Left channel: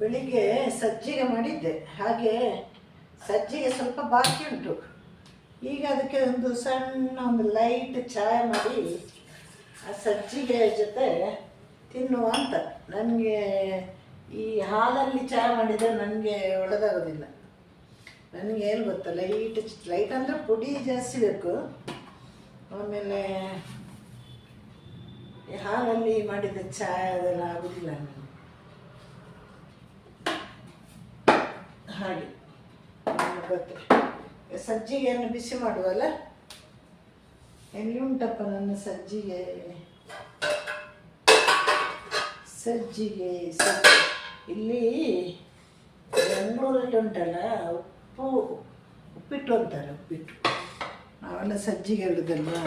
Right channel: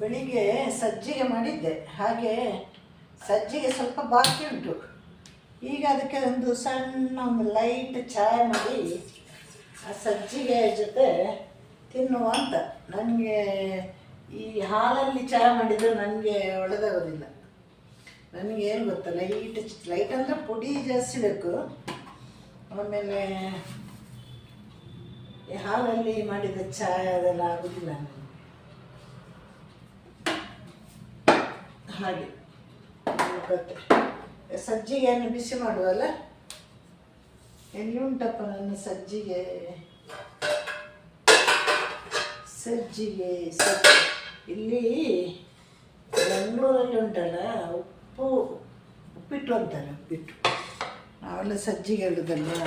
ಬೆಳಿಗ್ಗೆ ಸಜ್ಜಿಗೆ ಮಾಡಿದ್ದೆ, ಹಾಗೆ ಸಜ್ಜಿಗೆ ಸ್ವಲ್ಪ ಬಾಕಿ ಉಂಟು. ಈಗ ಅದಕ್ಕೆ ಒಂದು ಸಣ್ಣ ಒಂದು ಲೈಟ್ ಚಾಯ್ ಮಾಡಿ ಆ ಸಜ್ಜಿಗೆ ಜೊತೆ ತಿನ್ನುವ ಅಂತ. ನನಗೆ ಈ ಹಾಲಲ್ಲಿ ಚಾಯ್ ಮಾಡಿದರೆ ನನಗೆ ಒಳ್ಳೆದಾಗೋದಿಲ್ಲ. ನನಗೆ ಏನು ಗೊತ್ತಾ, ಲೈಟ್ ಅಂದರೆ ಪುಡಿ ಜಾಸ್ತಿ ಬೇಕು. ಆಮೇಲೆ ಈ ಹಾಲಲ್ಲಿ ಮಾಡಿದ ಚಾಯ್ ಅದೆಲ್ಲ ಆಗೋದಿಲ್ಲ ನನಗೆ. ಹಾಗೆ ಗೊತ್ತೆ, ಸಜ್ಜಿಗೆಯನ್ನು ಬಿಸಿ ಮಾಡುವಲ್ಲ. ಎಲ್ಲಿ ಉಂಟಪ್ಪ ನನ್ನ ಸಜ್ಜಿಗೆ ಇಲ್ಲಿ ಬೆಂಗಳೂರಲ್ಲಿ ಉಂಟಲ್ಲ, ಉಪ್ಪಿಟ್ಟು ಅಂತಾರೆ. ಉಪ್ಪಿಟ್ಟು ನಾವೆಲ್ಲ ಸಜ್ಜಿಗೆ ಹೇಳೋದಲ್ವಾ,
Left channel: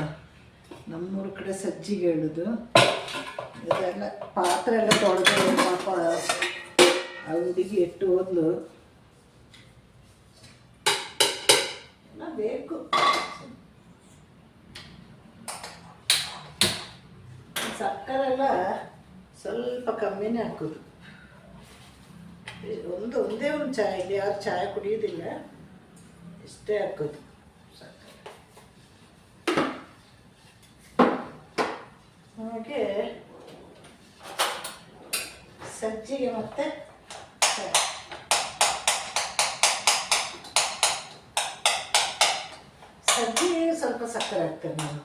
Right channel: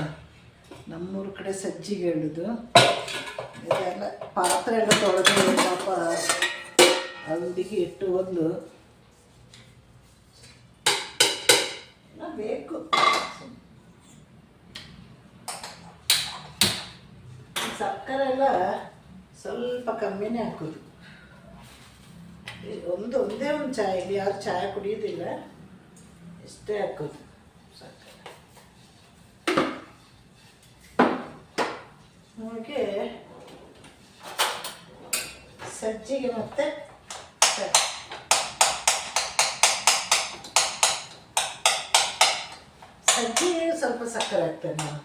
ನಮ್ಮೂರ ಕಡೆ ಸಜ್ಜಿಗೆ ಹೇಳೋದು. ಇದೆಲ್ಲ ಪಾತ್ರೆ ಎಲ್ಲ ತೊಳೆದು ಪಾಪ ಆ ಹುಡುಗಿ ಇಟ್ಟು ಒಂದು ಬೇಕು. ಸಕ್ಕರೆ ಎಲ್ಲ ಸ್ವಲ್ಪ ಕಮ್ಮಿನೇ ಹಾಕೋದು. ಒಂದೇ ಒಂದು ಚಾಯ್, ಇಲ್ಲಿ ಯಾರು ಚಾಯ್ ಕುಡಿಯೋದಿಲ್ಲ, ಇಷ್ಟೇ ಹಾಕೋದು ಸಕ್ಕರೆ. ಹಾಗೆ ಸಜ್ಜಿಗೆ ಮತ್ತೆ ಸಜ್ಜಿಗೆ ಸ್ವಲ್ಪ ಸಕ್ಕರೆ ಹಾಕ್ತೇನೆ ನಾನು.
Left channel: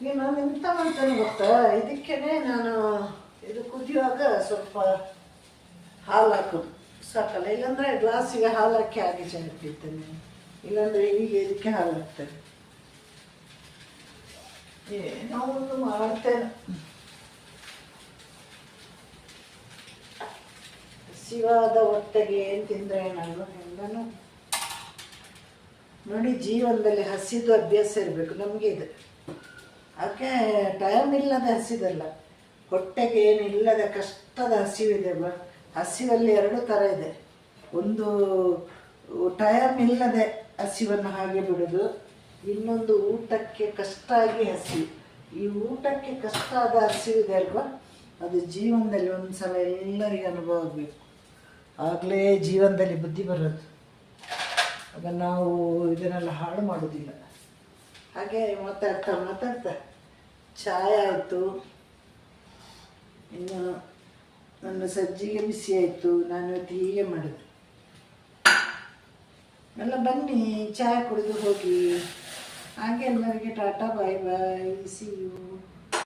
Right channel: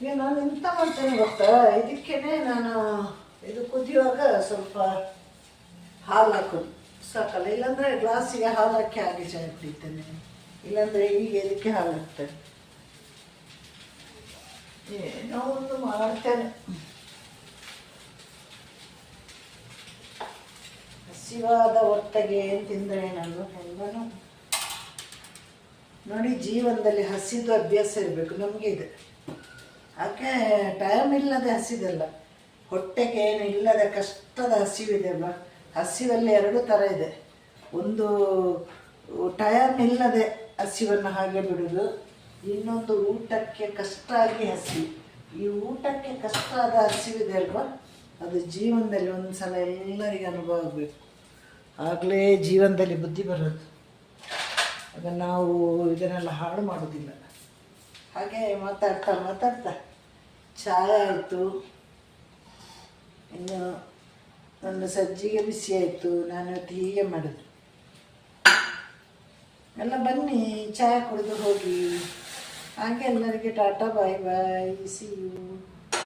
ಈಗ ನಾನು ಎಂತ ಮಾಡ್ತೇನೆ ಗೊತ್ತಾ, ಇದಕ್ಕೇನೆ ನಾನು ಇದು ಕುದಿಯುವಾಗ ಸ್ವಲ್ಪ ಹಾಲು ಹಾಕೋದು ಸಾಕಲ್ಲ. ಇಲ್ಲಾಂದರೆ ಗ್ಲಾಸಿಗೆ ಹಾಲು ಹಾಕಿ ಹಾಗೆ ಚಾಯ್ ಕುಡಿತೇನೆ, ಇಲ್ಲಾಂದರೆ ಈಗ ಇದಕ್ಕೆ ಹಾಲು ಹಾಕ್ತೇನೆ. ಏನೋ ಒಂದು ಮಾಡ್ತೇನೆ. ಹಸಿವಾದ ಹೊಟ್ಟೆಗೆ ಏನು ತಿಂದರೆ ನಾನು ಹೆಂಗನು ನೋಡಿ, ಜೀವನದಲ್ಲಿ ಹಸಿದು ಅಭ್ಯಾಸ ಇರಬೇಕು ನಮಗೆ. ಇದೆ ಯಾಕೆ ಟೈಮ್ ಇಲ್ಲದೆ ಹಸಿದಲ್ಲ, ಹೊಟ್ಟೆಗೆ ಏನು ಇಲ್ಲದೆ ಕಷ್ಟದ ಹಸಿವಿದೆ. ಹಸಿವಲ್ಲಿ ಎರಡು ಥರ ಇದೆ. ಒಂದು ಟೈಮ್ ಇಲ್ಲದೆ ಹಸಿವನ್ನು ಹಾಗೆ ಬಿಡೋದು, ಇನ್ನೊಂದು ಊಟಕ್ಕೆ ಕಷ್ಟ ಆಗಿ ಹಸಿವು. ಈ ಊಟಕ್ಕೆ ಕಷ್ಟ ಆದ ಹಸಿವಿದೆ ಅಲ್ವಾ, ಅದು ಜೀವನದಲ್ಲಿ ಒಂದು ಸಲ ಎಲ್ಲರಿಗೂ ಅನುಭವ ಆಗಬೇಕು, ಆಗಲೇ ಜೀವನದಲ್ಲಿ ಬುದ್ಧಿ ಬರೋದು. ಆಗ ನಾವು ಇದನ್ನೆಲ್ಲ ಹಾಳು ಮಾಡೋದಿಲ್ಲ. ಹಾಗೆ ಮಾತಾಡ್ತಾ ಚಾಯ್ ಆಯಿತು, ಇನ್ನು ನನ್ನ ಸಜ್ಜಿಗೆ ಬಿಸಿ ಆಯಿತು. ನಾನು ಇವತ್ತು ಹೀಗೆ ಮಾಡೋದು. ಎಲ್ಲ ಬನ್ನಿ ಚಾಯ್ ಕುಡಿದು ಹೋಗಿ. ಹಾಗೆ ಎಲ್ಲರಿಗೆ ಟಾಟಾ, ಬಾಯ್ ಬಾಯ್, ಸಿ ಯು.